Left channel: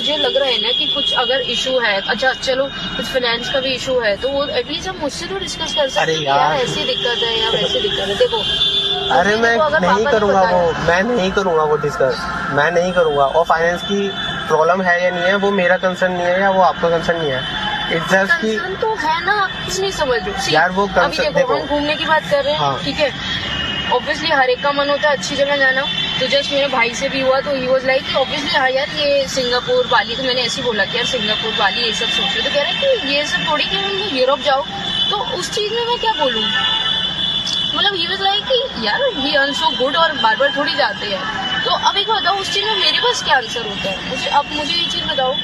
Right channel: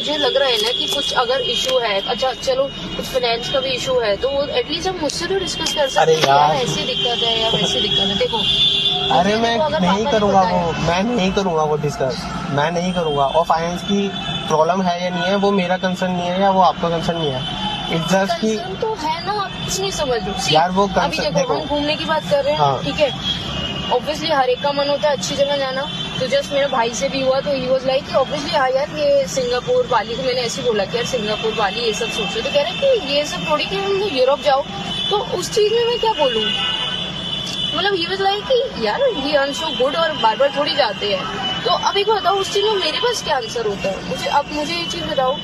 मुझे लग रहा है ना कि कुछ अगर इशू है, अच्छा चलो कुछ फाइनेंस का भी इशू है, तो वो एटलीस्ट हम मुझसे तो डिस्कस कर सकते हैं यार ऐसी दिक्कत है या वैसी दिक्कत है। देखो अरे मैं नहीं करूँगा वो, मैं नहीं करूँगा वो डिस्कस, मैं नहीं करूँगा। और फाइनेंस की प्रॉब्लम है या नहीं है वो मेरा कंसर्न नहीं है या वो आपका कंसर्न नहीं है। इट्स जस्ट कि तो है ना, आप कुछ नहीं समझ रहे यार वो अभी। देखो हम घूमने की बात कर रहे हैं, ठीक है, ऑब्वियसली हर एक का मन होता है अच्छी जगह जाना। तो जस्ट मेरे भाई से भी हुआ तो ही वाज लाइक ऑब्वियसली हाँ यार ये सिंगापुर बाली, तो मैंने ऐसे बोला कि यार सिंगापुर बाली ये सब सोच रहे, तो कह रहे कि ये सब थोड़ी कि हम यूरोप जाओ। तो उस चीज में मैं क्या बोलूँ, मतलब ही वाज लाइक कि यार ही अर्न सो गुड और बार बार थोड़ी जाते हैं। तो अब एक बताओ उस चीज में मेरे पास क्या आंसर होता है, मुझे अब मुझे ये चीज बताओ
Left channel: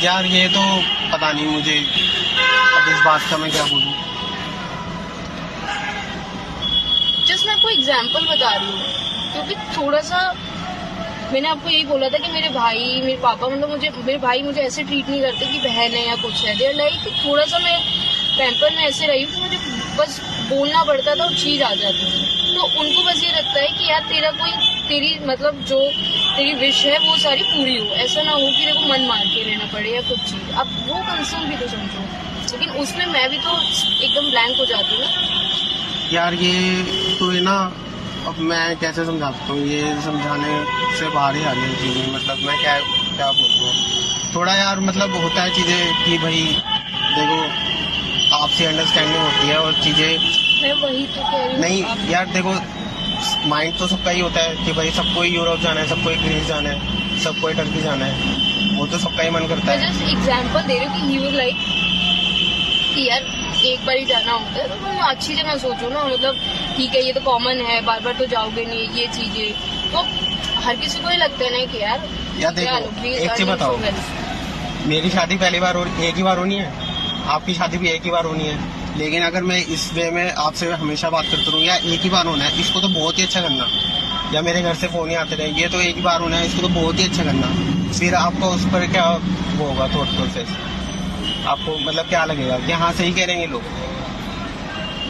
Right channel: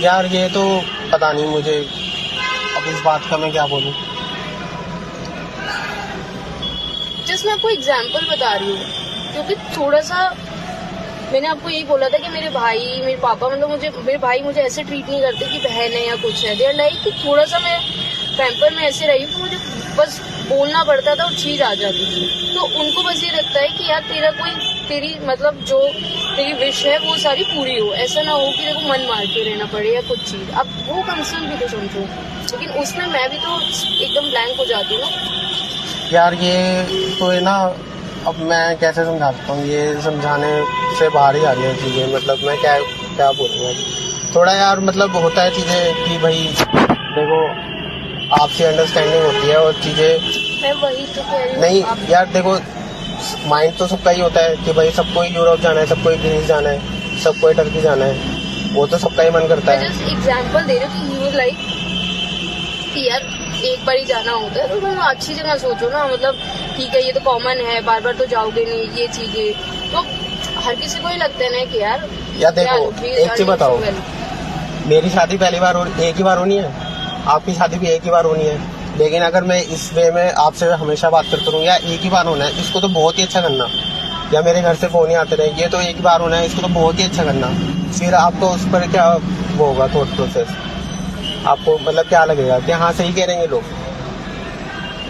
यार। ये तो पता नहीं मुझे अब इस बात का मैं क्या बोलूँ। जस्ट मैं आपको एग्जाम्पल बता रही हूँ, क्योंकि थोड़ा सा मैंने आपको यही बोला था कि मेरे भाई मेरे पापा मतलब मेरे भाई मुझे ऐसे ट्रीट नहीं करते कि बहन है या कुछ है। देयर लाइक कि थोड़ा सा मैं पैम्पर में ऐसे रही हूँ कि मुझे बस बोलना पड़ता था, वो चीज आ जाती थी। तो उनको बस ये लगता है कि यार तेरी मतलब जो तेरी विश है वो सारी पूरी हो, ऐसा ना हो कि तेरे को मन मार के रहना पड़े या कुछ चीज। अब वो कंसर्न भी तो समझो, लेकिन उसमें मैं भी तो एकदम ब्लैंक हो जाती हूँ यार। ये तो है ना, अब मैं कैसे समझा सकता हूँ, ये समझाने से बाहर ही आ रही है चीज़ें। मतलब मैं क्या बोलूँ अब। थोड़ा यार मतलब होता है चीज़ें कि भाई देखो आपसी अंडरस्टैंडिंग होती है और चीज़ें। मैं वही तो कह रही हूँ। नहीं यार देखो, माइंड तो सबका ही होता है कि भाई सबको ही यूरोप जाना है, सबको ही ग्रीस जाना है, सबको ही टर्की जाना है, वो तो सबका ही मन करता है। मैं जस्ट एग्जांपल दे रही हूँ कि ही वाज लाइक कि यार एक बार ही जाना होता है तो तुम अच्छी जगह सोचो ना। मतलब ठीक है ये तो कॉमन है, बार बार तो जाओगे नहीं, ये चीजें तो हर किसी को ही लगता है ना कि यार देखो एक चीज बताओ, मेरी शादी पहली बार एक ही बार होनी है, आपकी शादी भी एक ही बार होनी है। लेकिन अगर मैं इस वे में आपसे हमेशा बात करता रहूँ या एक ही बार होना है, इसको तो बहुत ही अच्छा करना। या मेरे घर से फोन ही आते रहे, ये तो एक ही बार होना है, इसको तो बहुत ही अच्छा करना। फिर आपको उस पर क्या वो होगा थॉट प्रोसेस, आपको मतलब क्या लगेगा कि हाँ सही कह रहे हैं लोग।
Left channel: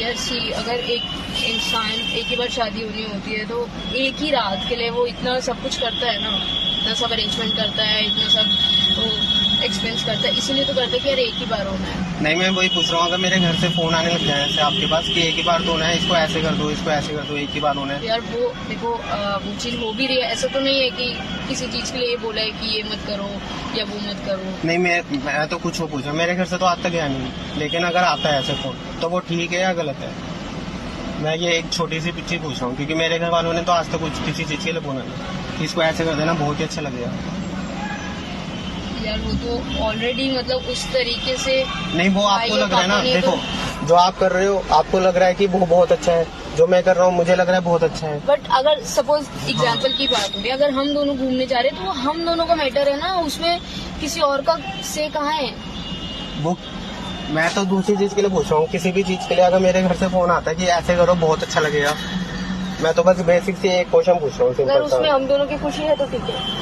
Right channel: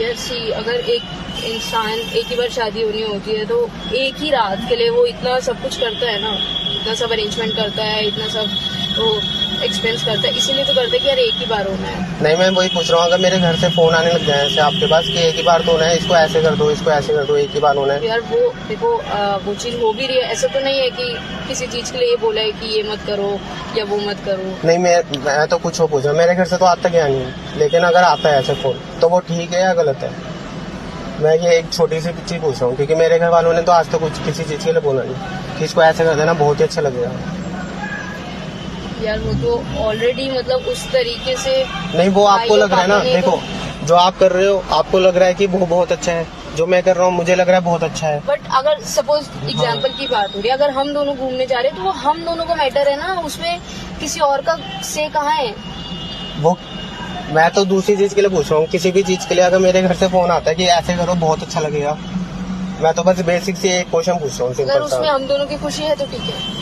यार सी अगर एक इंसान एक ही बार शादी होनी होती है तो एक ही रात के लिए वो इतना सब कुछ करता है ना, इतना सब अरेंजमेंट करता है, इतना सब वो एक्सपेंस करता है, इसीलिए तो करता है कि यार एक ही बार होना है। नहीं मैं वही पूछ रहा हूँ, अगर मेरे घर से फोन आने लग जाए ऐसे आपके पास कि एक ही बार तो होना है, इसको ऐसे कर दो, इसको ऐसे कर दो, एक ही बार होना है। यार वो देखो वो चीज हो भी रही है, ऐसा तो नहीं है कि किसी चीज के लिए ये बोला है कि ये मत करो या वो मत करो। नहीं मैं तो कुछ हो पूछा, मेरे घर से तो आज तक गया नहीं, लेकिन अगर आता है ऐसा फोन तो वो ठीक है या गलत है। मैं ये एक छोटी सी चीज पूछ रहा हूँ, क्योंकि मेरे घर वालों ने तो आज तक कुछ किसी चीज के लिए बोला नहीं कि इसको ऐसे कर देना बहुत ही अच्छा लगेगा। यार वो तो ऑलरेडी मतलब उस तरीके से नहीं वो आपको लग रहा है ना, देखो जो आप कर रहे हो आपको लग रहा है कि वो बहुत अच्छा है, जो मैं कर रहा हूँ मुझे लग रहा है बहुत अच्छा है। बट अगर सपोज एग्जाम्पल की बात हो रही है, अगर हम दोनों घूमने जा रहे हैं तो वो हम दोनों का मैटर है ना, उसमें किसी और का से कहाँ है। वो मैं तो दूसरी चीज के लिए पूछ रहा हूँ, किसी भी चीज के लिए अगर मेरे घर से फोन आता है कि ऐसे करो बहुत अच्छा लगेगा, मैं तो बस बेसिक से एक क्वेश्चन पूछ रहा हूँ सिंपल सा। अगर उसमें हम दोनों की खुशी है तो ठीक है।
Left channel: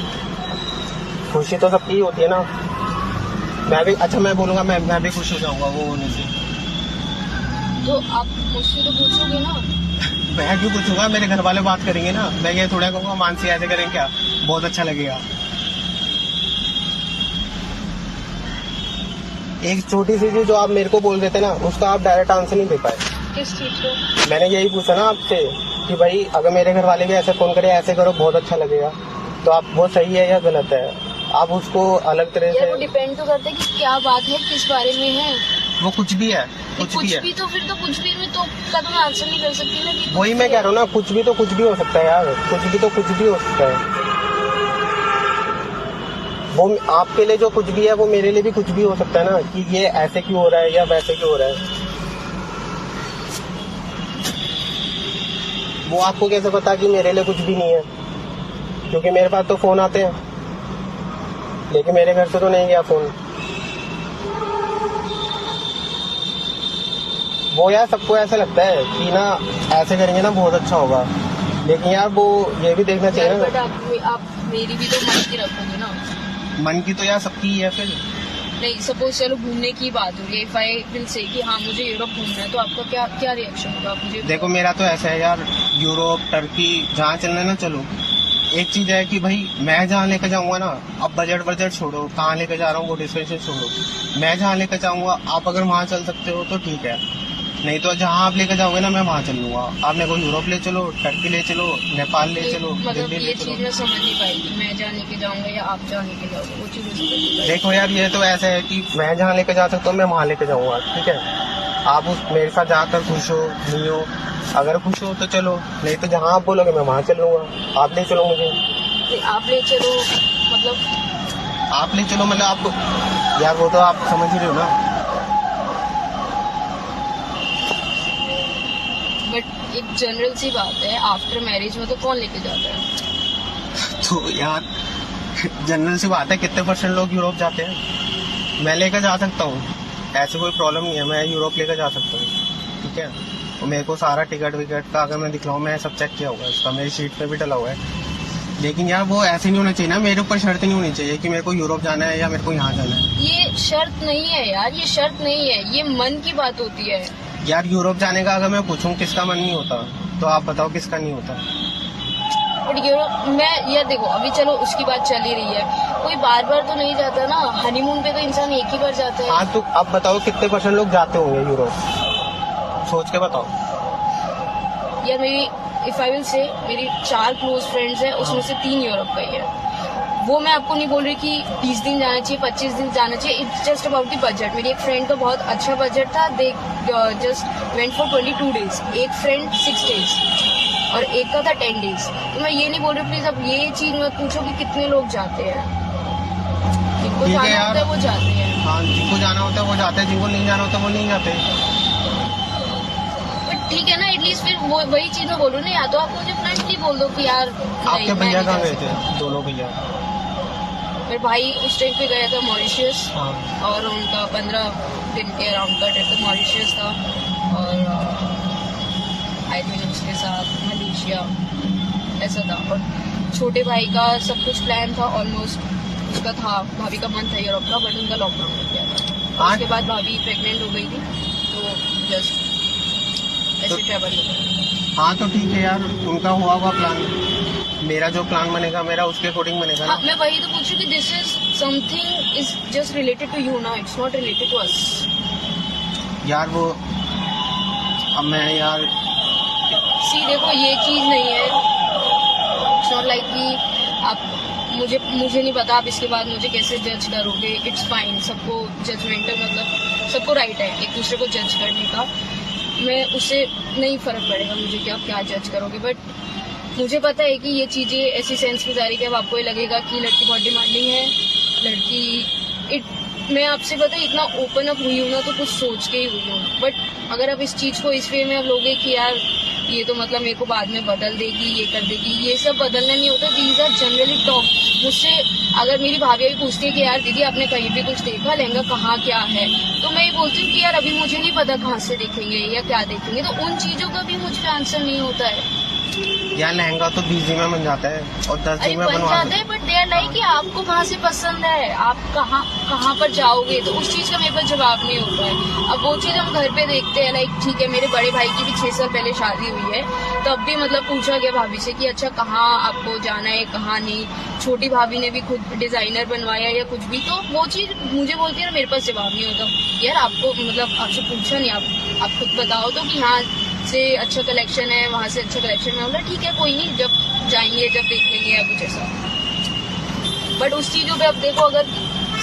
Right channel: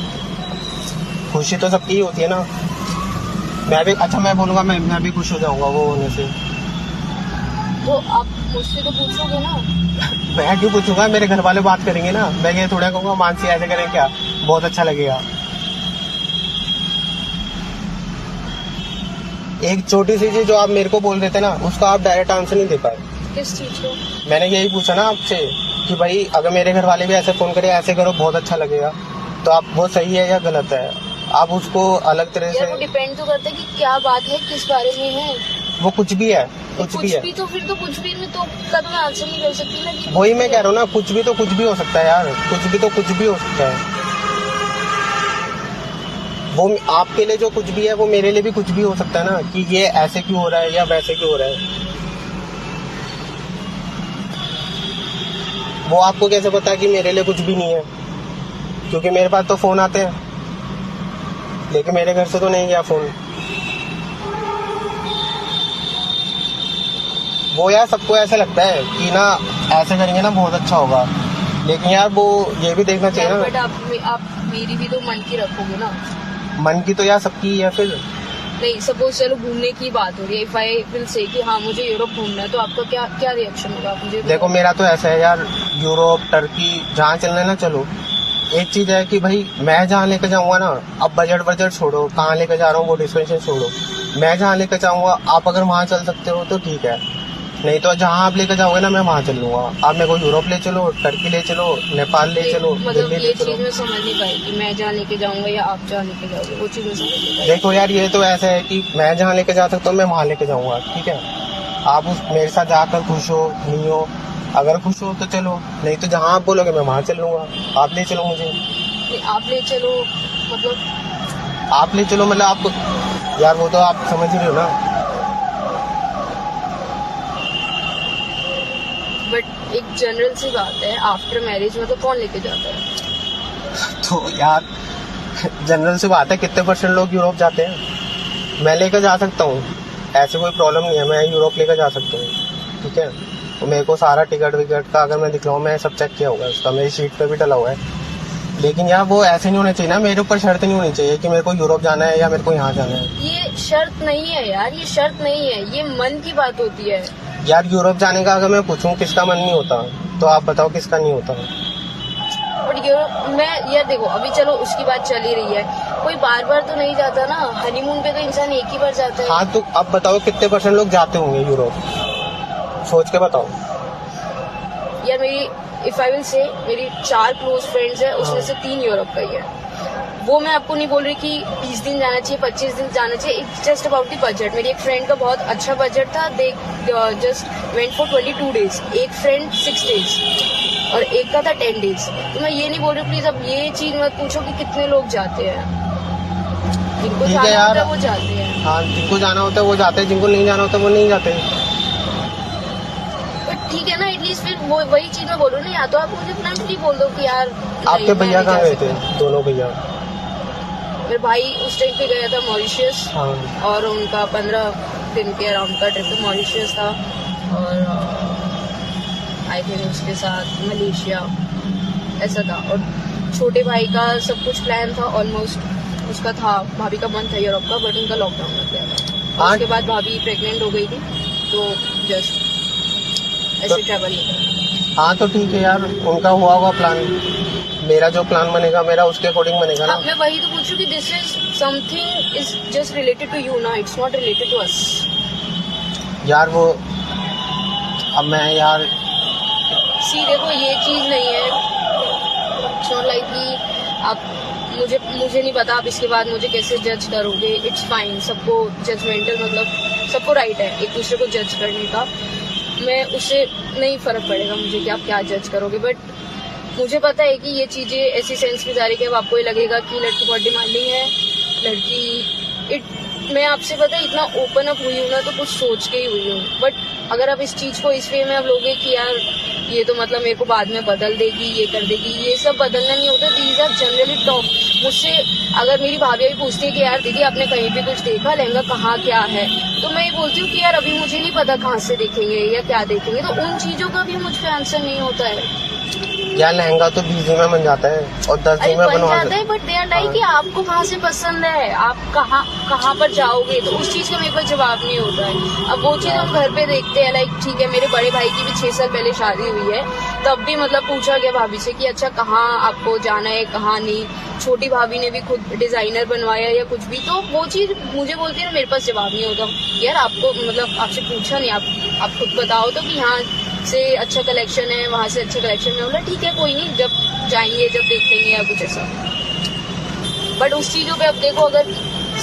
खुशी तो सबकी ही होती है ना। मैं भी अच्छा मैं बोलूंगा मैं भी खुश हो जाऊंगा वो होने से। तो आप मुझसे तो पूछोगे ना। मैं क्यों पूछूंगा, मेरे घर वाले बात करेंगे ना, मैं ये थोड़ा कहूँगा मानसी ऐसे करेंगे क्या, बहुत अच्छा लगेगा। एक छोटी सी चीज जो आप मेरे को बोल देते ना, उसका आप डायरेक्ट आंसर नहीं दे पाए। किस चीज को? मैंने यही पूछा ना आपसे कि भाई अगर मेरे घर वाले भी ऐसे फोन करे ऐसे करो बहुत अच्छा लगेगा, तो आप वो सही है या गलत है, आप उसको अलग तरह से। वो डिपेंड तो करता है कि क्या बात है, किस बारे में है। वो कुछ भी है, कुछ भी है तो फिर तो कुछ भी में तो कभी आंसर नहीं कर सकती ना कि वही मैं कह रहा हूँ ना, कुछ भी तो कुछ भी हो सकता है यार, कुछ भी तो कुछ भी हो सकता है। वो आपके लिए जो कुछ भी है वो मेरे लिए भी कुछ भी हो सकता है ना, कि ये ऐसे क्यों हो रहा है या वैसे क्यों हो रहा है। वो आपको कैसे पता कि मेरे लिए कुछ भी नहीं है, क्योंकि मेरे पास तो फोन आते हैं, लेकिन मेरे घर से तो नहीं गया फोन। वो यार सबको ऐसा लगता है कि ना ऐसे करेंगे ना बहुत अच्छा होगा, लेकिन यार वो ये भी देखना चाहिए ना। बट आप मेरी भी तो मन की रखोगे ना। मन की तो यार सबकी है। फिर नहीं सपोज चलो घूमने की बात हो रही है, इफ आई विल से कि हाँ मुझे यूरोप घूमना है, तो आपका क्या क्या रिएक्शन होगा? आप मुझे देखो मेरा तो ऐसा है यार, यूरोप टर्की जहाँ चलना है ना चलो, एक चीज है कि भाई मैं जहाँ लेके जाऊंगा ना, अब बजट छोड़ो, कहाँ लेके जा रहा हूँ वो डिस्कशन छोड़ो, मैं जहाँ लेके जाऊंगा आप अगर वहाँ चल सकते हो तो ठीक है, नहीं तो जहाँ आप लेके जाओगे ना मैं वहाँ चल लूंगा। आप मेरे को यूरोप ले चलो, टर्की ले चलो, नेपाल ले चलो, मतलब दिल्ली ले ये चलो। चीज मैं समझ नहीं पाई कि मैं जहाँ लेके जाऊंगा या आप जहाँ लेके जाओगे, वो चीज मैं समझ नहीं पाई। देखो यार, ये तो ऐसा है कि मैं जहाँ लेके जा सकता हूँ मैं वहाँ लेके जाऊंगा, ठीक है। आप उस मेरे साथ जाकर खुश हो नहीं हो, अगर खुश हो तो चलो, नहीं तो जहाँ आप बोलोगे मैं वहाँ चलूंगा। आप ले चलो मुझे। नहीं, आप ले चलो मतलब आप ले चलो मतलब आप यार, वो तो आप समझ ही रहे हो ना। बट एक जनरल सी बात है, आफ्टर मैरिज में तो कौन लेके जाता है? तो यार जनरल सी बात है, कितने % लोग यूरोप जाते हैं। मैं लेकर जा सकता हूँ, ऐसे कोई प्रॉब्लम नहीं है, मैं यूरोप लेकर जा सकता हूँ, ठीक है। तो मेरे को सारा टिकट विकट का अगर मैं दिखलाऊँ, मैं सब चेक किया होगा, उसका मेरी सीट पे भी डला हुआ है। लेकिन यार वो ऐसे नहीं होना चाहिए ना, मेरे ऊपर शर्त नहीं होनी चाहिए कि मेरे को यूरोप जाना है या मेरे को यहाँ जाना है। ये शर्त नहीं है यार, ये शर्त नहीं है, ये मन की बात होती है। यार यूरोप जाने का अगर मैं पूछूं किसका मन नहीं होता, तो आप बताओ किसका नहीं होता है। बट मैं यार देखो, अभी चलो उसकी बात चल ही रही है, कोई बार बार तो नहीं जाता ना, हनीमून पे तो इंसान एक ही बार जाता है। हाँ तो अब बताओ कितने % लोग जाते होंगे यूरोप, सोच के बताओ। यार मेरी इफ आई विल से मेरी 4 क्लोज फ्रेंड्स है, उसमें से 3 यूरोप का ही है। वो मैं आपको नहीं बोल रही कि 20 दिन जाना चाहिए, 25 दिन जाना चाहिए, it's just about the budget. मेरी एक फ्रेंड का बहुत अच्छा बजट था, they just went for 22 days, एक फ्रेंड 6 डेज और एक का था 10 डेज। तो मैं ये नहीं बोल रही, प्लीज अब ये चीज मत पूछो कि कितने लोग जाते हैं, जिनको ठीक है जाना यार। होता है वो जाते हैं। हाँ, जिनको जाना होता है वो जाते हैं, जिनको नहीं जाना होता है वो नहीं जाते। ठीक है ना, एटलीस्ट फिर वो वही चीज मैं बोलूँ ना, या तो आप मुझे फ्रेंकली बोल दो कि यार आपके भैया कहाँ गए थे? दोनों भैया। मेरे भाई उस टाइम पे गया था मॉरिशियस, हाँ। और उनका 15 दिन के अराउंड का ट्रिप तो मॉरिशियस था, और आई थिंक उसके साथ मलेशिया ऐसा था। और छोटे भाई का सब कुछ प्लान था ऑलमोस्ट, उसका था, भाभी का मन था यूरोप का, बट उनका लॉकडाउन हो गया था। हाँ। उसके बाद भाभी प्रेग्नेंट हो गई थी, तो जस्ट ऐसे ट्रैवल नहीं करा। हाँ तो ठीक है यार, उनका हुआ होगा प्लान, मेरा जो प्लान बनेगा मेरा उसके अकॉर्डिंग बनेगा ना। मैं वही तो पूछूं कि this is something is just related to you ना, it's not related to us. यार वो अब मैं यार सी देखो, ये चीज नहीं है, इट्स नॉट लाइक कि आप मुझे नहीं पता आप इसके बाद मुझे कैसे जज करोगे, इट्स फाइन। सबको जजमेंटल मतलब सबको राइट है एक दूसरे को जज करने का, मैं उससे नहीं फर्क पड़ेगा मुझे कि आप क्या जज करोगे। बट मुझे पता है कि ये चीजें ऐसी सेंस की जा रही है कि अब आपको ये लगेगा कि लड़की बहुत डिमांडिंग है, लड़की मैं आपसे पता है इतना ओपन अप हुई हूँ ना, तो कुछ सोच के ही हुई हूँ। बट अगर आप इस चीज को इस वे में आप लोगे कि यार ये तो मतलब मेरे को बाद में बदल देगी, ये कर देगी, ये सब बदलना नहीं होता। These are generally talk. मुझसे अगर मेरी भाभी भी पूछती है कि यार दीदी आपने कहीं भी कुछ देखा, लहंगा कहाँ क्या है, तो मैं ये बोलती हूँ कि यार अभी मुझे नहीं पता कहाँ से देखेंगे या क्या देखेंगे, तो उन चीजों का भी मुझ पर आंसर नहीं होता है। यार लहंगा तो 20 दिन में बन जाता है और 10 अरे दिन में बन बनवा जाता है, बट दे आर लाइक कि आपको कहाँ से पसंद है, आप कहाँ पर जाओगे, तो उस चीज का मेरे पास जवाब नहीं होता है। अब वो चीज हम घर पे देखते हैं, लाइक ठीक है मेरे बड़े भाई की भी 6 साल पहले शादी हुई है, तब भी मतलब पूछा गया भाभी से कि अच्छा कहाँ आपको जाना है कहाँ नहीं। छोटी भाभी ने भी खुद डिजाइनर बनवाया या कुछ भी, तो वो चीज मुझे बोलती है ना, मेरे पास जवाब नहीं होता। यार आपको मतलब आपसे पूछा नहीं, आप खुद बताओ तो कि यहाँ से अच्छा कलेक्शन है, वहाँ से अच्छे कलेक्शन है, बोला ठीक है कोई नहीं, जब जाएंगे जब देख लेंगे या कुछ ऐसा। बट उस चीजों पे अब देखो, अगर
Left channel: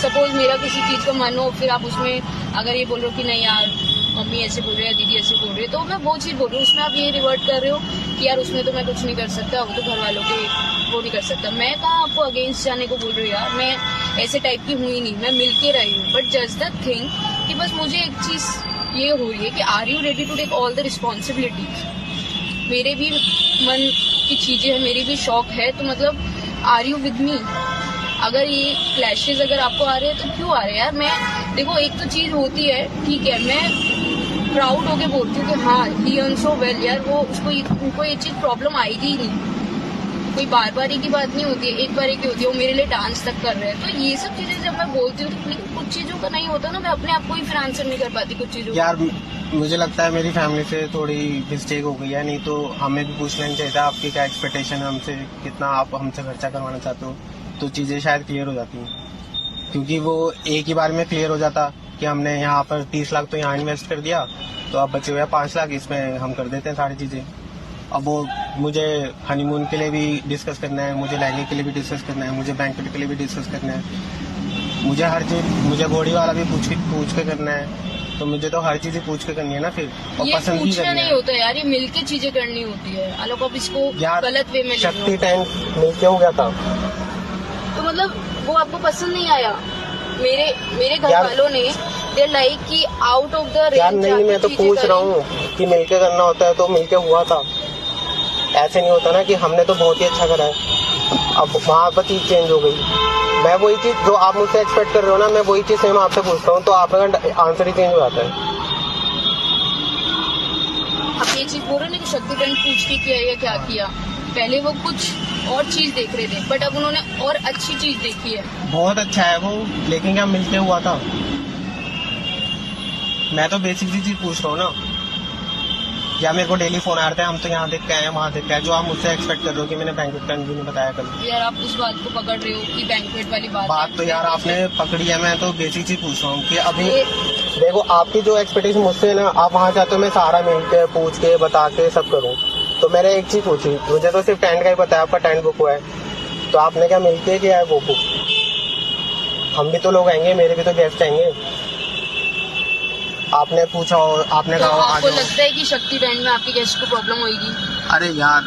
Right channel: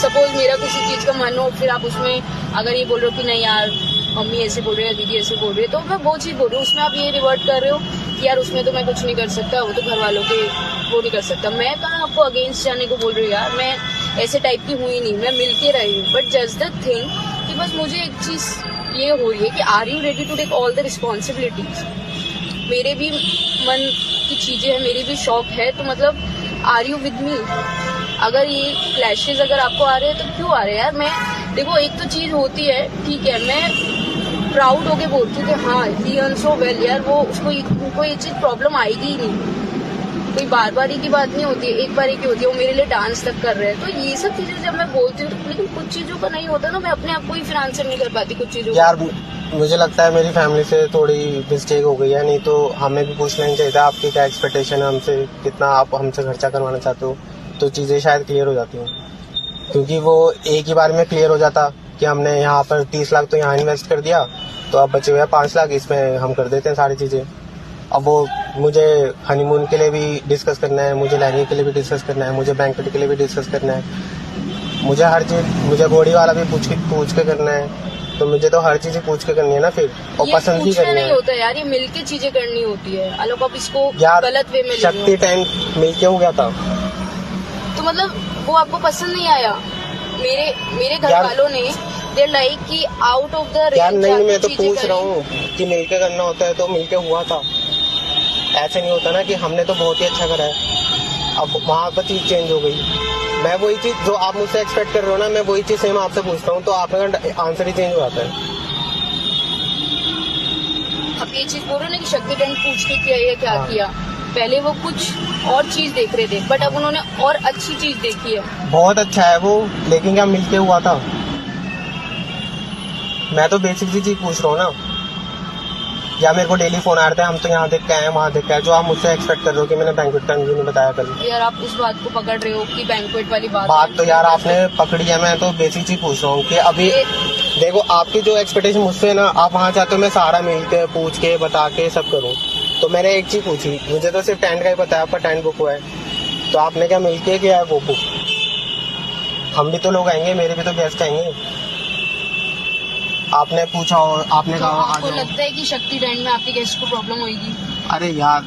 सपोज मेरा किसी चीज का मन हो, फिर आप उसमें अगर ये बोल रहे हो कि नहीं यार मम्मी ऐसे बोल रही है, दीदी ऐसे बोल रही है, तो मैं वो चीज बोल रही हूँ, उसमें आप ये रिवर्ट कर रहे हो कि यार उसमें तो मैं कुछ नहीं कर सकता, वो तो घर वालों के वो नहीं कर सकता। मैं कहाँ आपको अगेंस्ट जाने को बोल रही हूँ यार, मैं ऐसे टाइप की हुई नहीं, मैं मिल के रही हूँ। बट जस्ट द थिंग कि बस मुझे एक चीज ये हो रही है कि are you ready to take all the responsibilities. मेरे भी मन की चीजें हैं, मेरी भी शौक है, तो मतलब आर यू विद मी। अगर ये क्लैशेस अगर आपको आ रहे हैं तो क्यों आ रहे हैं यार। मैं देखो एक तो चीज होती है, ठीक है मैं प्राउड होके बोलती हूँ कि हाँ ही अर्न सो वेल यार, वो उनको ये चीज प्रॉब्लम आएगी ही नहीं। कोई बार बार की बात नहीं होती है, एक बार की होती है। वो मेरे लिए डांस तक कर रहे हैं, तो ये सब चीजें जब मैं बोलती हूँ, लेकिन कुछ चीजों का नहीं होता ना, मैं अपने आप को ही फिर आंसर नहीं कर पाती कुछ चीजों यार मुझे लगता है मेरी फैमिली से थोड़ी मिस्टेक हो गई है, नहीं तो हमें भी पूछ लेना चाहिए था आपकी क्या एक्सपेक्टेशन है हमसे, कितना आप हमसे खर्चा करवाना चाहते हो, तो चीज़ें शायद क्लियर हो जाती हैं। क्योंकि वो एक ही बार में क्लियर हो जाता कि हमने यहाँ पर 30 लाख तो यहाँ इन्वेस्ट कर दिया, तो अब बचे हुए 5 लाख इसमें हम कर देते हैं सारी चीज़ें। अब वो मुझे हनीमून के लिए भी डिस्कस करना है, मुझे लहंगे के लिए भी डिस्कस करना है, मुझे बैंकेट के लिए भी डिस्कस करना है, मुझे हर चीज़, मुझे घोड़ी वाला भी पूछ के करना है, तो मुझे तो हर चीज़ पूछ के करनी है ना फिर, और पसंद ही करनी नहीं है। होता यार, ये मिलके चीजें करनी होती है। आलोक आप इसको यार गलत वे में ले शक्ति टाइम मिलके हो गया था, तो मतलब वो आपको पसंद नहीं आया। मेरे घर यार- वालों ने दे लाइक कि आउट ऑफ द यार नहीं, मैं तो पूछ रहा हूँ कि मिलके करना होता है तो मिलके हुआ था, ऐसे नहीं होता ना कि हमने तो बहुत ही अच्छा करा है, अब वहाँ पर चीज चेंज हो गई। मैं वही चीज जो आप मुझसे एक्सपेक्ट कर रहे हो ना, मैं वही चीज सेम आपसे पूछता हूँ, तो आपका आंसर ही चेंज हो जाता है। आप ये चीज बोल रहे हो ना कि शक्ति टेंट पूछ के किया या क्या किया, पहले वो कुछ और चीज देख रहे थे, बट अब उन्होंने और अच्छी चीज देखी है। बहुत अच्छा है वो, लेकिन क्या मिलके हुआ था? मैं तो बेसिक सी चीज पूछ रहा हूँ ना, या मेरे को डेली फोन आ रहे थे, हम तो यहाँ देख के आए वहाँ देख के आए, जो आप मुझसे एक्सपेक्ट कर रहे हो कि मैंने बैंक्वेट का नहीं बताया कल। यार आप उस बात को पकड़ रहे हो कि बैंक्वेट वाली बात तो यार आपने पकड़ी है, मैं तो बेसिक चीज पूछ रहा हूँ कि अभी देखो आपकी जो एक्सपेक्टेशन मुझसे है ना, आप वहाँ चाहते हो मैं सारा मिल के पूछ के बता के सब करूँ, तो मैंने एक चीज पूछी, मुझे तो सिर्फ टेंट का ही पता है, आपका टेंट बुक हुआ है, तो आपने क्या मिलके किया है वो बुक? हम भी तो लोग आएंगे, मेरे भी तो गेस्ट आएंगे। आपने पूछा और आपने तो कहा आपको लगता है कि शक्ति बैंड में आपके गेस्ट को प्रॉब्लम होगी? अरे यार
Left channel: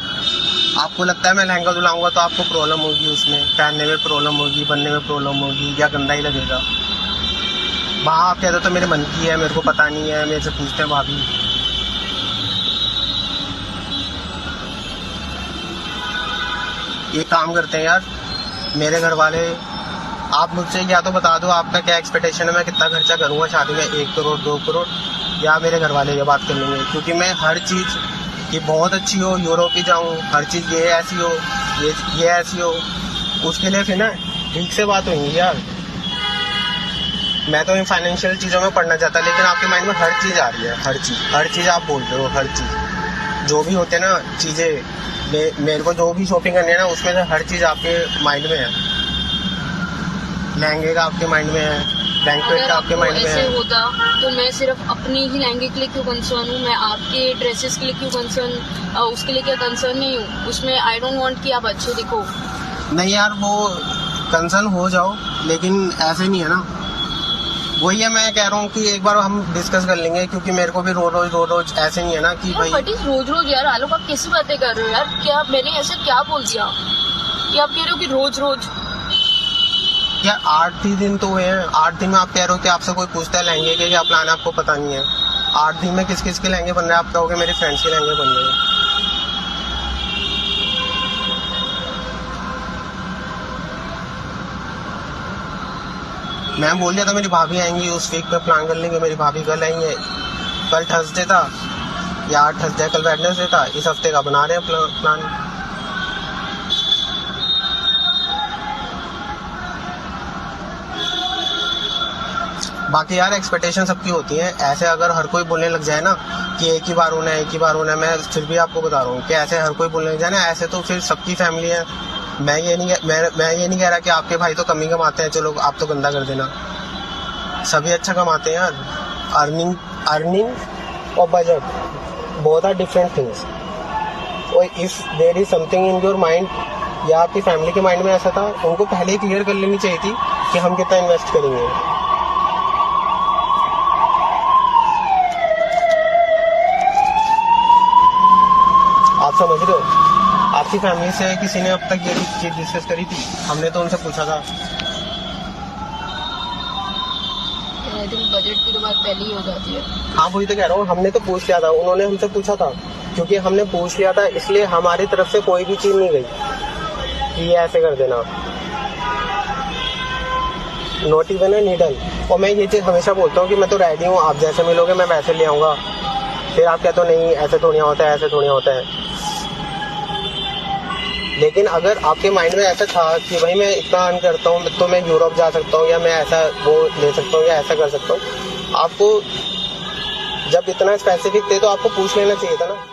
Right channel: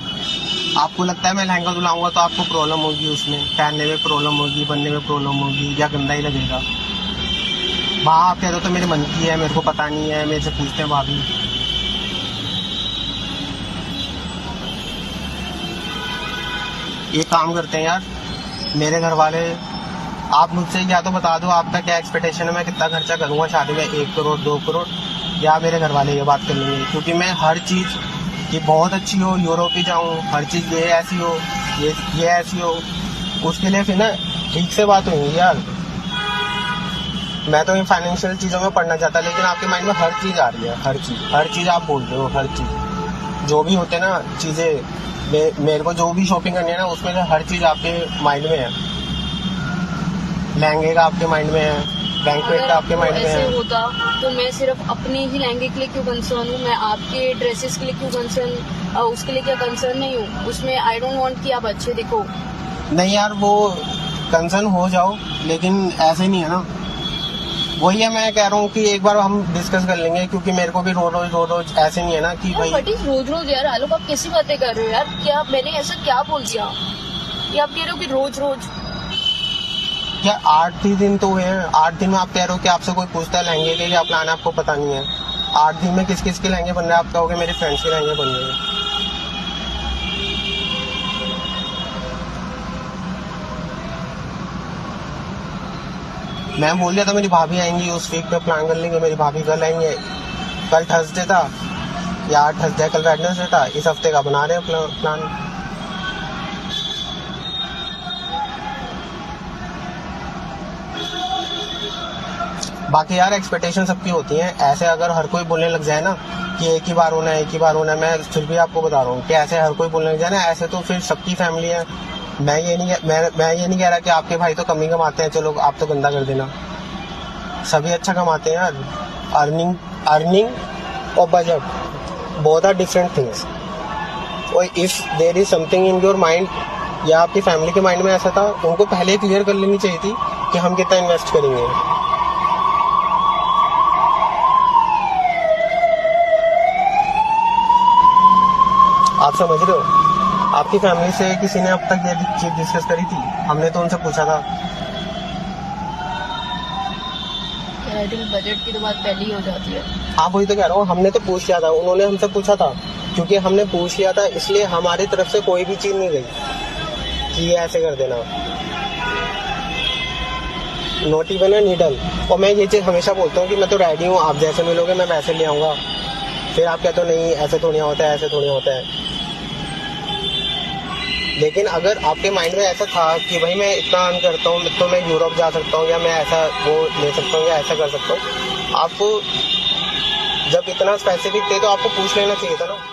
आपको लगता है मैं लहंगा दुलाऊंगा तो आपको प्रॉब्लम होगी, उसमें पहनने में प्रॉब्लम होगी, बनने में प्रॉब्लम होगी, या गंदा ही लगेगा? वहाँ आप कहते हो तो मेरे मन की है, मेरे को पता नहीं है, मेरे से पूछते हैं भाभी। ये काम करते हैं यार मेरे घर वाले, आप मुझसे या तो बता दो आपका क्या एक्सपेक्टेशन है, मैं कितना खर्चा करूंगा शादी में, 1 करोड़ 2 करोड़, या मेरे घर वाले ये बात कर लेंगे, क्योंकि मैं हर चीज़ ये बहुत अच्छी हो, यूरोप ही जाऊँ, हर चीज़ ये ऐसी हो, ये ऐसी हो, उसके लिए फिर ना ठीक से बात होगी यार। मैं तो इन फाइनेंशियल चीज़ों में पढ़ना चाहता, लेकिन आपके माइंड में हर चीज़ आ रही है, हर चीज़ आप बोल रहे हो, हर चीज़ जो भी होते हैं ना चीज़ें, मेरे को जो भी शॉपिंग करनी है ना, उसमें से हर चीज़ आपके माइंड में है। लहंगे का आपके माइंड में है, बैंक्वेट का आपके माइंड में ऐसे है। होता तो मैं सिर्फ अपने ही लहंगे के लिए क्यों कंसर्न हूँ, मैं आपके ड्रेसेस के लिए क्यों कंसर्न, उसके लिए क्या कंसर्न नहीं हूँ? उसमें आई डोंट वांट कि आप अच्छे दिखो। नहीं यार वो कंसर्न हो जाओ, लेकिन ऐसे नहीं है ना, वही है मैं कह रहा हूँ कि एक बार हम डिस्कस कर लेंगे, क्योंकि मेरे को भी रोज ऐसे नहीं है ना कि भाई। व्हाट इज रोज रोज यार? आलोक आप कैसी बातें कर रहे हो यार? क्या मैंने ऐसा क्या बोल दिया कि आप कह रहे हो कि रोज रोज? या 8 दिन तो हुए हैं, 8 दिन में आप कह रहे हो कि आपसे कोई पूछता है लहंगे के क्या प्लान है, आपको पता नहीं है। 8 दिन में किस किस के लहंगे बन रहे हैं, आप कहोगे मेरे फ्रेंड्स के लहंगे बन रहे हैं। मैं बोल दिया था मेरी भाभी आएंगी, उस वीक पे प्लान कर लेंगे, मेरी भाभी कल आएंगे, कल थर्सडे था, या थर्सडे कल वेडनेसडे था, इस हफ्ते का बना रहे हैं प्लान। बाकी यार एक्सपेक्टेशन सबकी होती है, ऐसे अगर हर कोई बोलने लग जाए ना कि एक ही बार होना है, मैं फिर भी आपको बता रहा हूँ कि ऐसे हर कोई बोलने लग जाए ना, ऐसे तो फिर सबकी फैमिली है। मैं ये नहीं कह रहा कि आपके भाई तो कम ही कमाते हैं, चलो आप तो गंदा कर देना, सभी अच्छा कमाते हैं यार। अर्निंग और budget both are different things. और if there is something in your mind, या आपकी फैमिली के माइंड में ऐसा था, उनको पहले क्लियर कर लेनी चाहिए थी कि हम कितना इन्वेस्ट करेंगे। आप समझ रहे हो? आपकी फैमिली से किसी ने अब तक ये चीज डिस्कस करी थी? हमने तो उनसे पूछा था। आई थिंक बजट की तो बात पहले ही हो जाती है। हाँ वही तो कह रहा हूँ, हमने तो पूछ लिया था, उन्होंने हमसे पूछा था, क्योंकि हमने पूछ लिया था इसलिए हमारी तरफ से कोई भी चीज नहीं गई कि ये ऐसे कर देना, नॉट इवन अ नीडल। और मैं ये चीज हमेशा बोलता हूँ कि मैं तो रेडी हूँ, आप जैसे मिलोगे मैं वैसे ले आऊंगा। फिर आप कहते हो नहीं ऐसे थोड़ी होता है, ऐसे थोड़ी होता है। लेकिन अगर आपके माइंड में ऐसा था कि भाई मैं इतना अर्न करता हूँ तो मैं यूरोप जा सकता हूँ या मैं ऐसा वो ले सकता हूँ या ऐसा कर सकता हूँ, आपको जब इतना स्पेसिफिक थे तो आपको पूछ लेना चाहिए था ना।